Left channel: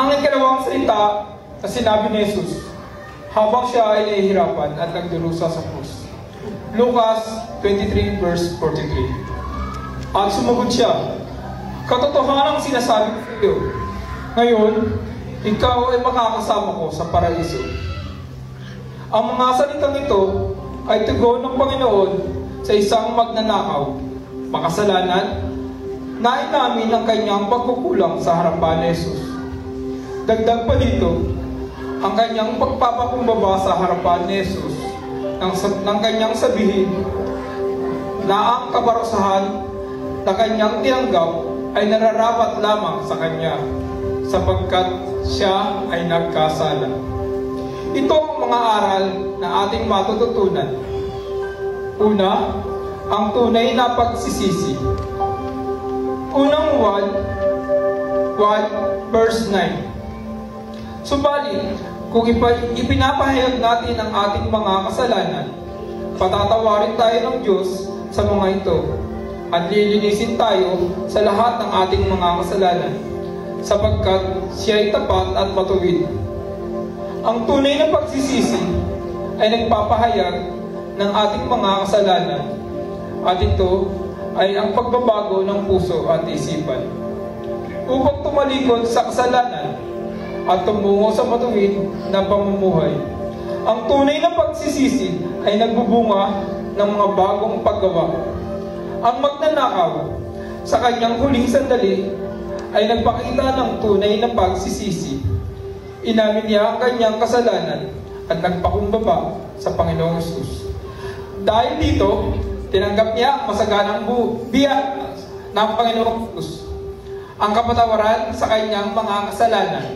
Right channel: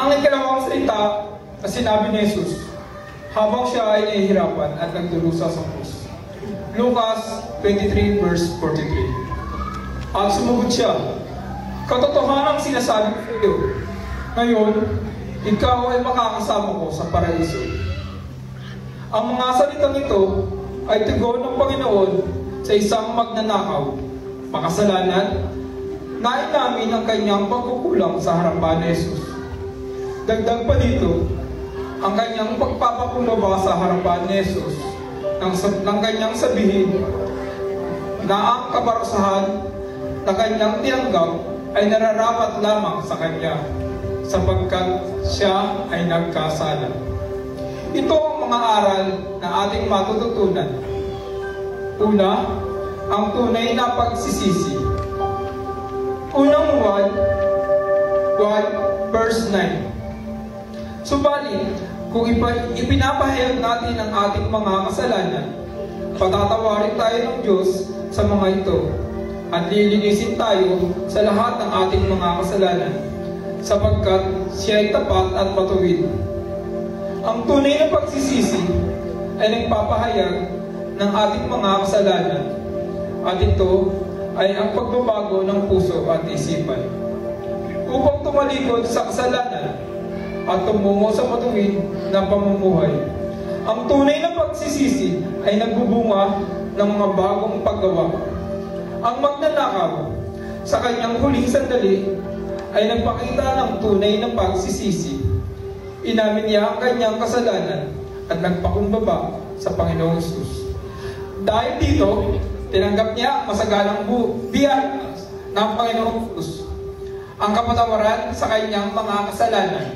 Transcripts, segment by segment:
Ang ikalawang salita na sinabi ni Jesus habang siya ay nahihirapan at nagdurusa sa krus. Lucas 23 verse 43. At sumugod siya, "Katotohanan ang sinasabi ko sa iyo. Ngayon, ikaw ay makakasama ko sa paraiso." Ang mga salitang ito ay tugon ng Panginoon sa isang magnanakaw, makasalanan, na inamin ang kanyang pagkukulang sa harapan ni Jesus. Dagdag pa dito, ang kanyang pagpapakumbaba sa harapan ni Jesus ng kanyang sabihin na ang kaparusahan na kanyang tinanggap ay nararapat lamang sa kanya sapagkat siya ay nagkasala. Ito ang mga aral na ating matututunan. Una, ang tunay na pagsisisi. Unang 1 verse 9. Subalit, kung ipinapahayag natin ang ating mga kasalanan, patatawarin tayo ng Diyos sa mga ito at lilinisin tayo sa lahat ng ating mga kasalanan sapagkat siya ay tapat at matuwid. Ang tunay na pagsisisi ay nagpapahayag ng ating mga kasalanan at ito ay ang pagbabago ng puso at isipan upang tumalikod sa kasalanan at tumungo sa matuwid na pamumuhay. Ang tunay na pagsisisi ay nagbubunga ng mga bagong paggawa. Ang magnanakaw sa kanyang huling sandali ay nagpakita ng tunay na pagsisisi. Inamin niya ang kanyang kasalanan at nagpakumbaba sa Panginoong Hesus. Dahil dito, tinanggap niya ang masagalang biyaya ng Panginoong Hesus, ang kapatawaran sa kanyang mga kasalanan.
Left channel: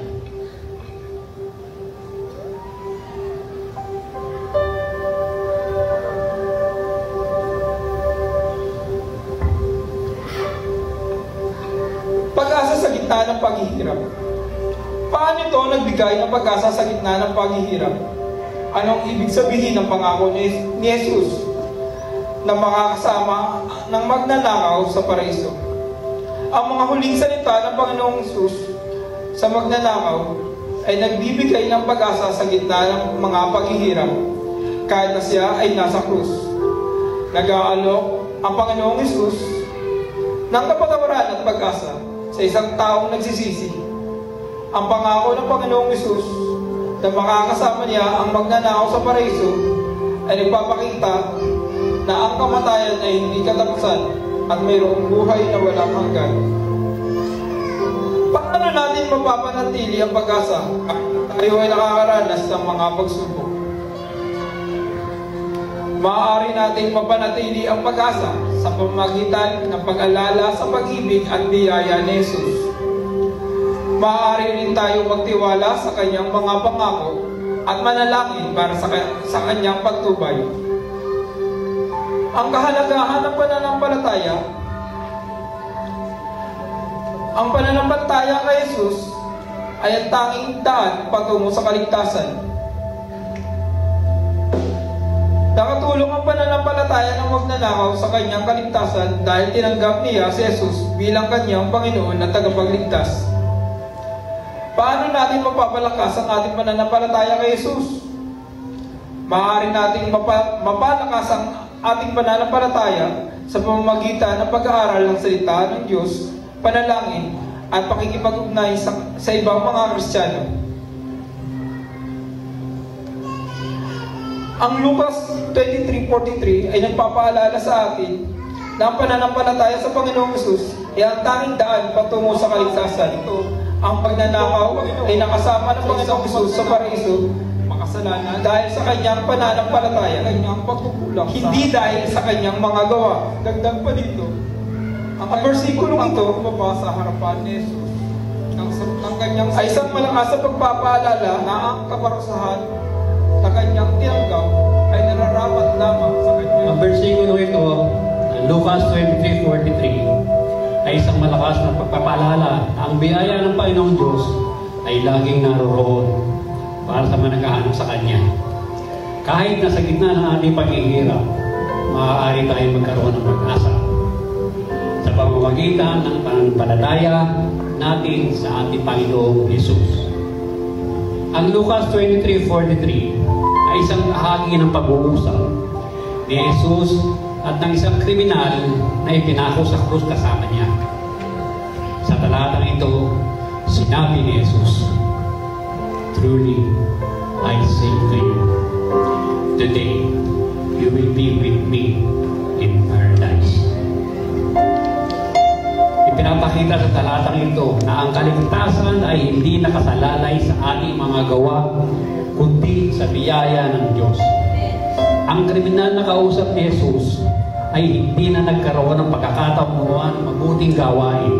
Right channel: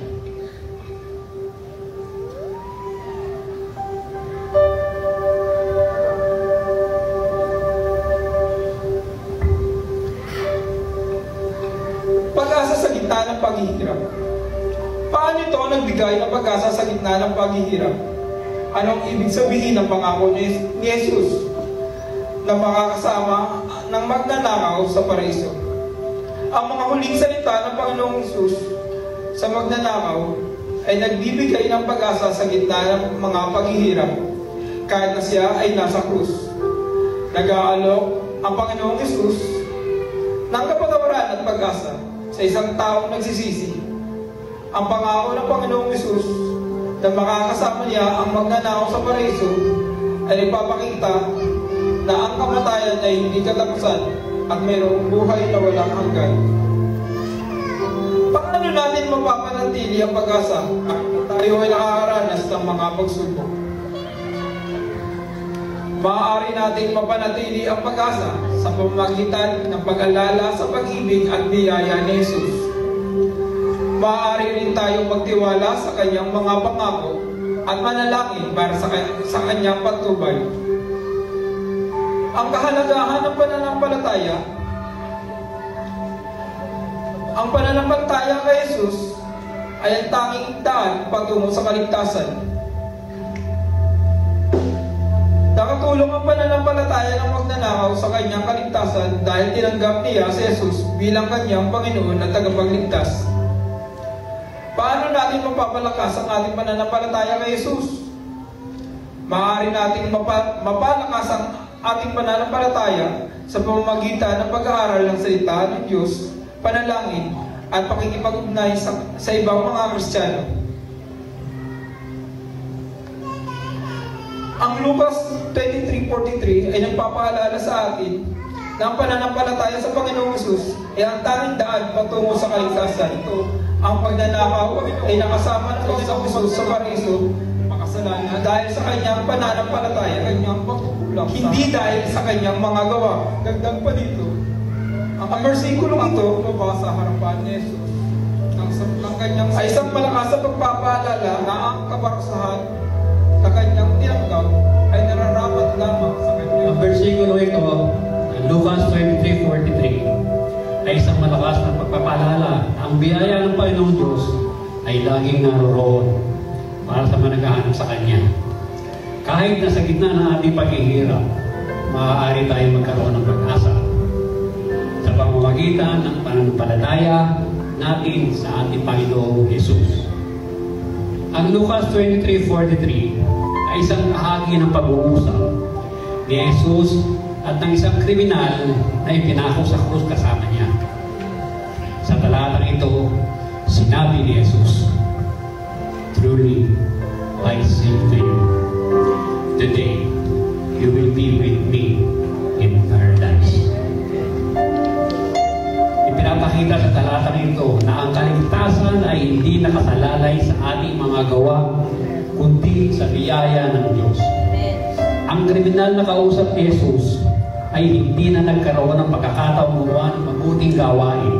Pag-asa sa gitna ng paghihirap. Paano ito nagbigay ng pag-asa sa gitna ng paghihirap? Anong ibig sabihin ng pangako ni Jesus na makakasama ng magnanakaw sa paraiso? Ang mga huling salita ng Panginoong Hesus sa magnanakaw ay nagbibigay ng pag-asa sa gitna ng mga paghihirap kahit na siya ay nasa krus. Nag-aalok ang Panginoong Hesus ng kapatawaran at pag-asa sa isang taong nagsisisi. Ang pangako ng Panginoong Hesus na makakasama niya ang magnanakaw sa paraiso ay nagpapakita na ang kamatayan ay hindi katapusan at mayroong buhay na walang hanggan. Paano natin mapapanatili ang pag-asa kahit na tayo ay nakakaranas ng mga pagsubok? Maaari natin mapanatili ang pag-asa sa pamamagitan ng pag-alala sa pag-ibig at biyaya ni Jesus. Maaari rin tayo magtiwala sa kanyang mga pangako at manalangin para sa kanyang pagtubay. Ang kahalagahan ng pananampalataya. Ang pananampalataya kay Jesus ay ang tanging daan patungo sa kaligtasan. Nakatulong ang pananampalataya ng magnanakaw sa kanyang kaligtasan dahil tinanggap niya si Jesus bilang kanyang Panginoon at tagapagligtas. Paano natin mapapalakas ang ating pananampalataya kay Jesus? Maaari nating mapalakas ang ating pananampalataya sa pamamagitan ng pag-aaral ng salita ng Diyos, panalangin, at pakikipag-ugnay sa ibang mga Kristiyano. Ang Lucas 23:43 ay nagpapaalala sa atin na ang pananampalataya sa Panginoong Hesus ay ang tanging daan patungo sa kaligtasan. Ang pagnanakaw ay nakasama ng Panginoong Hesus sa paraiso, makasalanan dahil sa kanyang pananampalataya, kanyang pagkukulang, hindi dahil sa kanyang mga gawa. Dagdag pa dito, ang versikulong ito mabasa sa harapan ni Jesus ng kanyang ay isang malakas sa pagpapaalala na ang kaparusahan na kanyang tinanggap ay nararapat lamang sa kanya. Ang versikulo ito, Lucas 23:43, ay isang malakas na pagpapaalala. Ang biyaya ng Panginoong Diyos ay laging naroroon para sa mga naghahanap sa Kanya. Kahit na sa gitna ng ating paghihirap, maaari tayo magkaroon ng pag-asa sa pamamagitan ng pananampalataya natin sa ating Panginoong Jesus. Ang Lucas 23:43 ay isang bahagi ng pag-uusap ni Jesus at ng isang kriminal na ipinako sa krus kasama niya. Sa talatang ito, sinabi ni Jesus, "Truly, I say to you, today you will be with me in paradise." Ipinapakita sa talatang ito na ang kaligtasan ay hindi nakasalalay sa ating mga gawa, kundi sa biyaya ng Diyos. Ang kriminal na kausap ni Jesus ay hindi na nagkaroon ng pagkakataong gumawa ng mabuting gawain.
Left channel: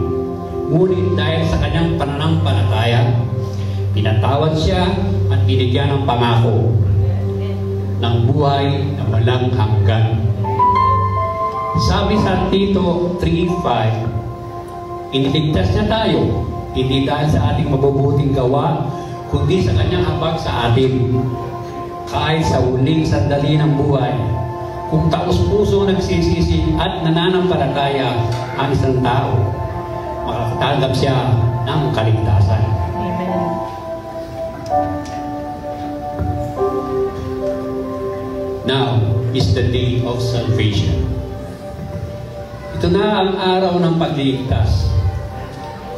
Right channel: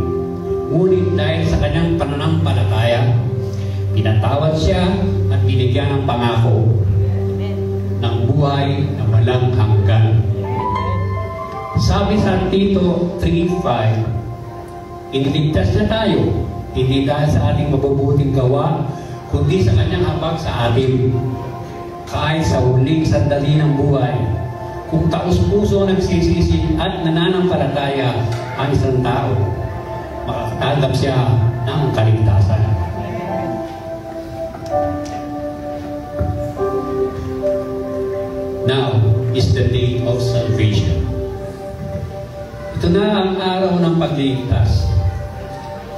Ngunit dahil sa kanyang pananampalataya, pinatawad siya at binigyan ng pangako ng buhay na walang hanggan. Sabi sa Tito 3:5, iniligtas niya tayo, hindi dahil sa ating mabubuting gawa, kundi sa kanyang habag sa atin. Kahit sa huling sandali ng buhay, kung taos-puso nagsisisi at nananampalataya ang isang tao, makakatanggap siya ng kaligtasan. Now is the day of salvation. Ito na ang araw ng pagligtas.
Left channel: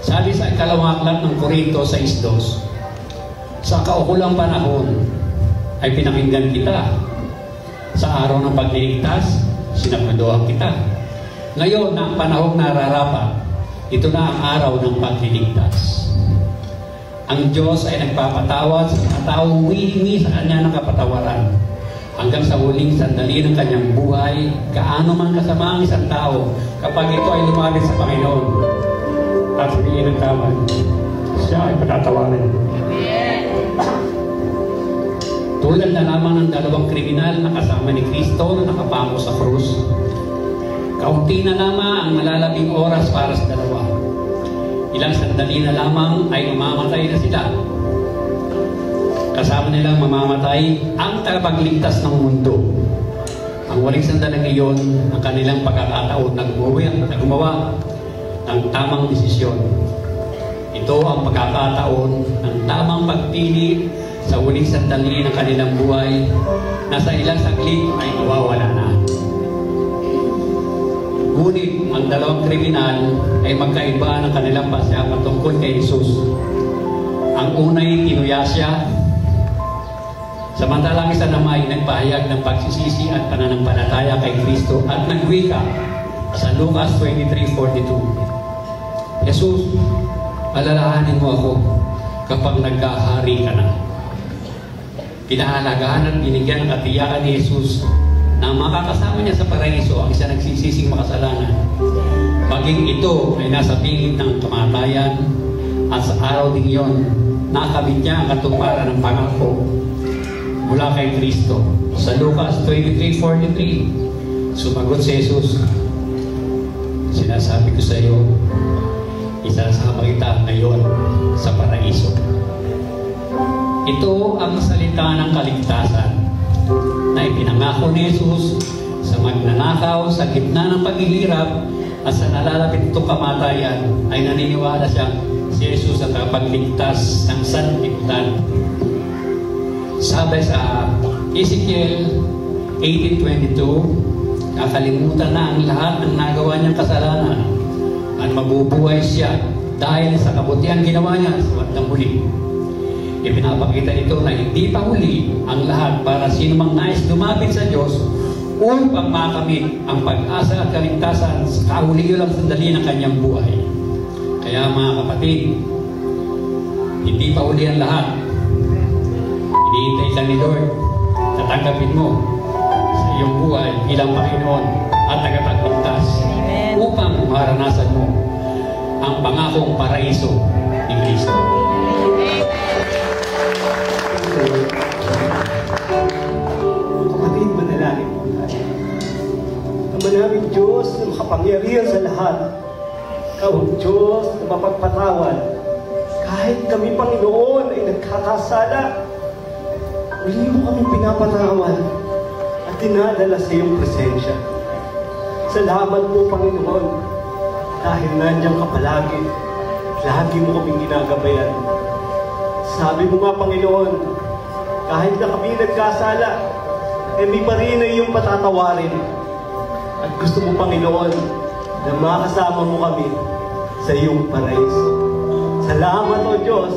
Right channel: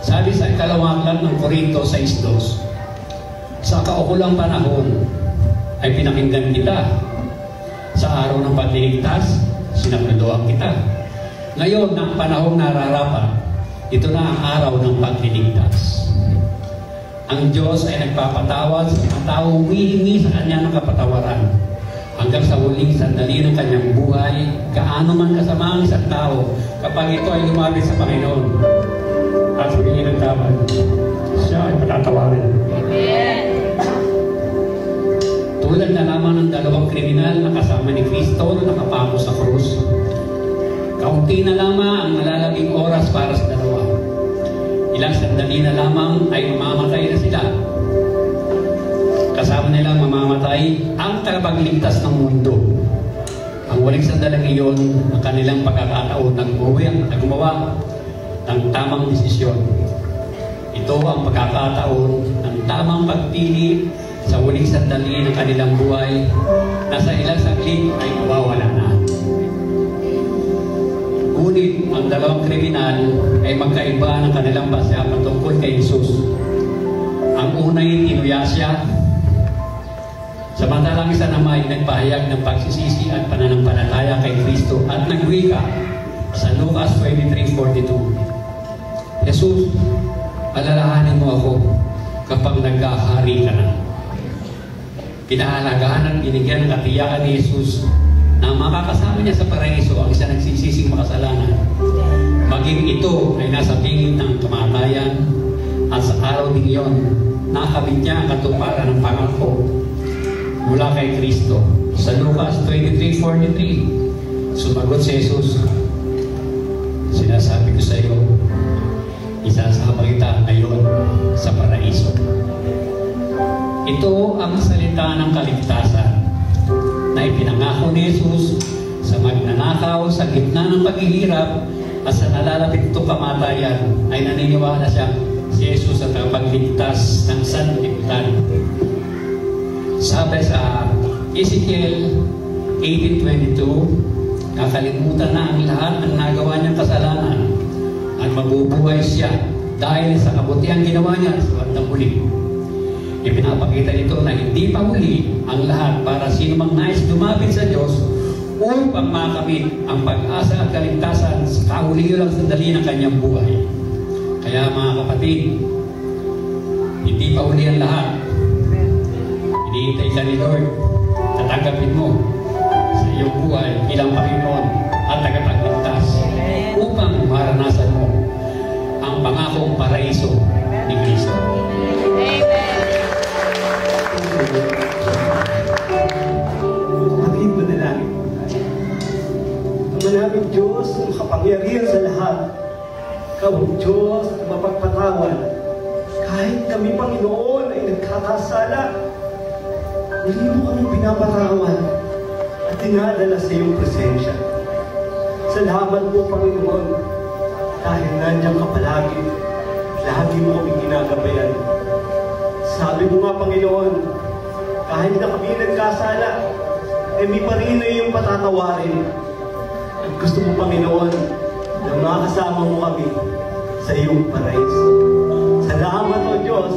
Sabi sa ikalawang aklat ng Korinto 6:2, sa kaukulang panahon ay pinakinggan kita. Sa araw ng pagligtas, sinabiluhan kita. Ngayon, ang panahong nararapat, ito na ang araw ng pagligtas. Ang Diyos ay nagpapatawad sa mga taong humihingi sa Kanya ng kapatawaran. Hanggang sa huling sandali ng kanyang buhay, gaano man kasama ang isang tao kapag ito ay lumapit sa Panginoon at humingi ng tawad, siya ay patatawaran. Tulad na lamang ng dalawang kriminal na kasama ni Kristo na nakapako sa krus. Kaunti na lamang ang nalalabing oras para sa dalawa. Ilang sandali na lamang ay mamamatay na sila. Kasama nilang mamamatay ang tagapagligtas ng mundo. Ang waling sandali ngayon ng kanilang pagkakataon na gumawa ng tamang desisyon. Ito ang pagkakataon ng tamang pagpili sa huling sandali ng kanilang buhay na sa ilang saglit ay nawawala na. Ngunit ang dalawang kriminal ay magkaiba ng kanilang basa patungkol kay Jesus. Ang unay tinuya siya, samantalang isa naman ay nagpahayag ng pagsisisi at pananampalataya kay Kristo at nagwika sa Lucas 23:42. Jesus, alalahanin mo ako kapag nagkahari ka na. Pinahalagahan at binigyan ng katiyakan ni Jesus na makakasama niya sa paraiso ang isa nagsisising makasalanan. Maging ito ay nasa bingit ng kamatayan at sa araw din iyon, nakamit niya ang katuparan ng pangako mula kay Kristo. Sa Lucas 23:43, sumagot si Jesus, sinasabi ko sa iyo, isasabay kita ngayon sa paraiso. Ito ang salita ng kaligtasan na ipinangako ni Jesus sa magnanakaw sa gitna ng paghihirap at sa nalalapit itong kamatayan ay naniniwala siya si Jesus ang kapagligtas ng sanlibutan. Sabi sa Ezekiel 18:22, kakalimutan na ang lahat ng nagawa niyang kasalanan at mabubuhay siya dahil sa kabutihan ginawa niya sa bandang huli. Ipinapakita nito na hindi pa huli ang lahat para sino mang nais lumapit sa Diyos upang makamit ang pag-asa at kaligtasan sa kahuli-ulang sandali ng kanyang buhay. Kaya mga kapatid, hindi pa huli ang lahat. Hinihintay lang ni Lord na tanggapin mo sa iyong buhay bilang Panginoon at tagapagligtas upang maranasan mo ang pangakong paraiso ni Kristo. Kapatid, manalangin. Ang maraming Diyos na makapangyarihan sa lahat. Ikaw, Diyos, na mapagpatawad. Kahit kami, Panginoon, ay nagkakasala, hindi mo kami pinapatawad at dinadala sa iyong presensya. Salamat po, Panginoon, dahil nandiyan ka palagi. lagi mo kaming ginagabayan. Sabi mo nga, Panginoon, kahit na kami nagkasala, kami pa rin ay iyong patatawarin. At gusto mo, Panginoon, na makasama mo kami sa iyong paraiso. Salamat, O Diyos,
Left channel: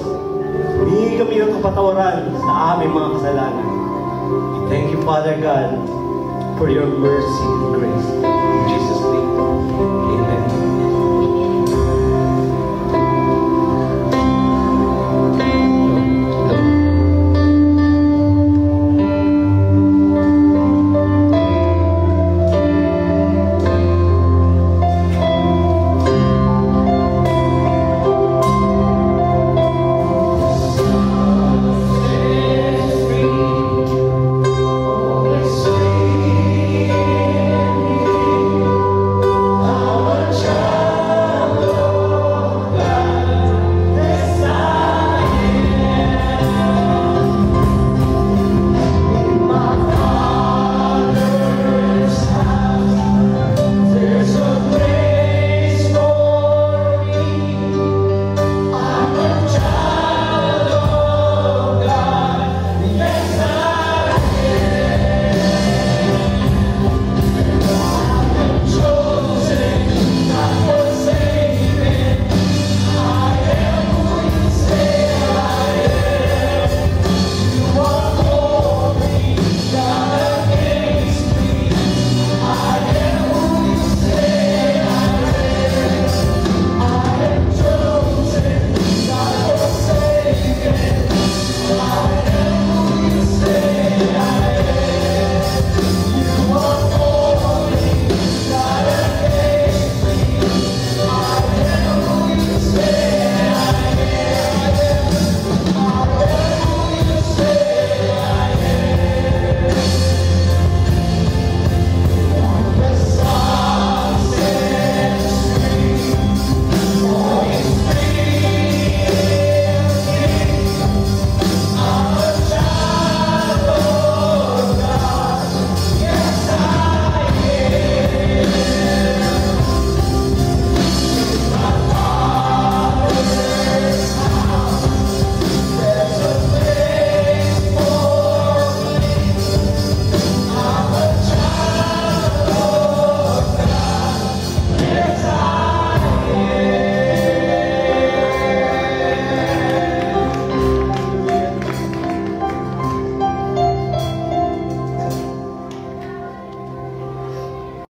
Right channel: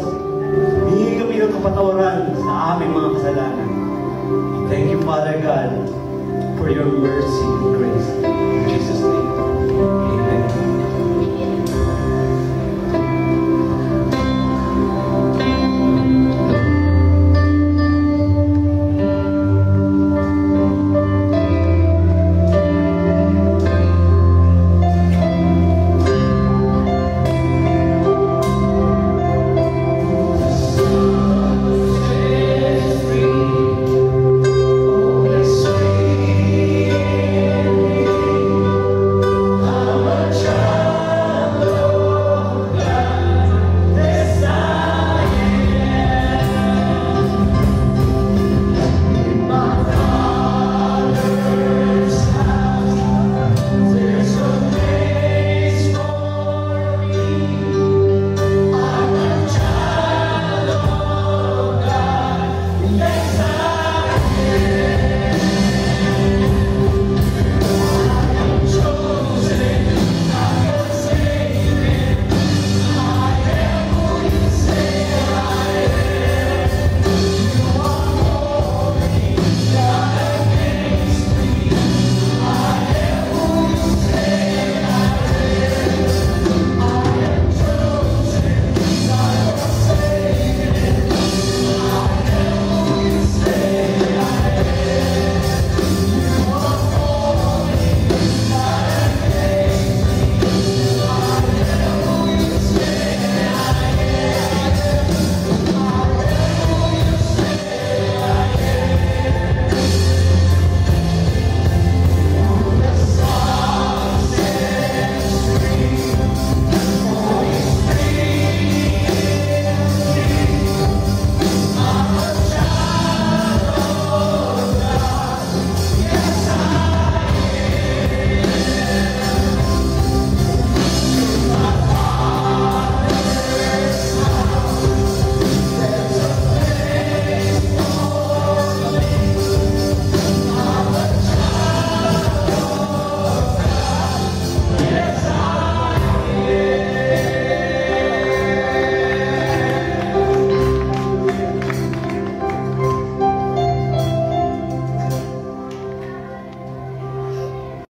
humingi kami ng kapatawaran sa aming mga kasalanan. Thank you, Father God, for your mercy and grace.